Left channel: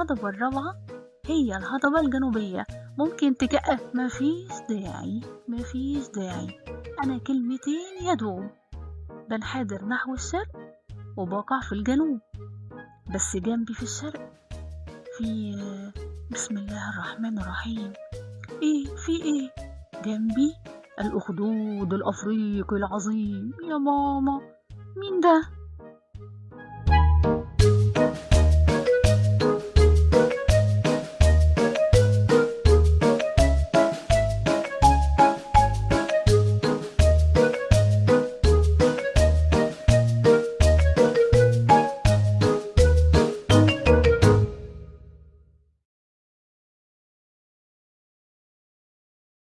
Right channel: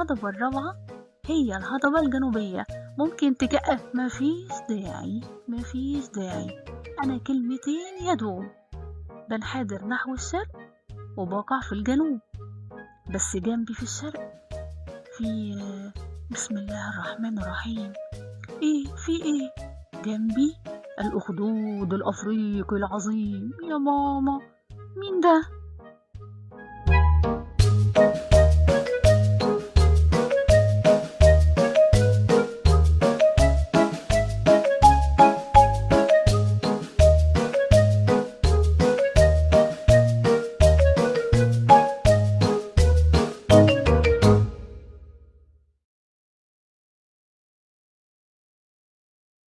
الهضبة الرابعة هي الهضبة الجنوبية. ممكن مفيش داعي. أنا كلمتين يدوم. بنحدر نحو الشرق وبقع في الجنوب، بس جنبي في الشرق في بسم الله الرحمن الرحيم. في ايه جنبي؟ الأخدود الأفريقي العظيم. يا ماما، مين ده؟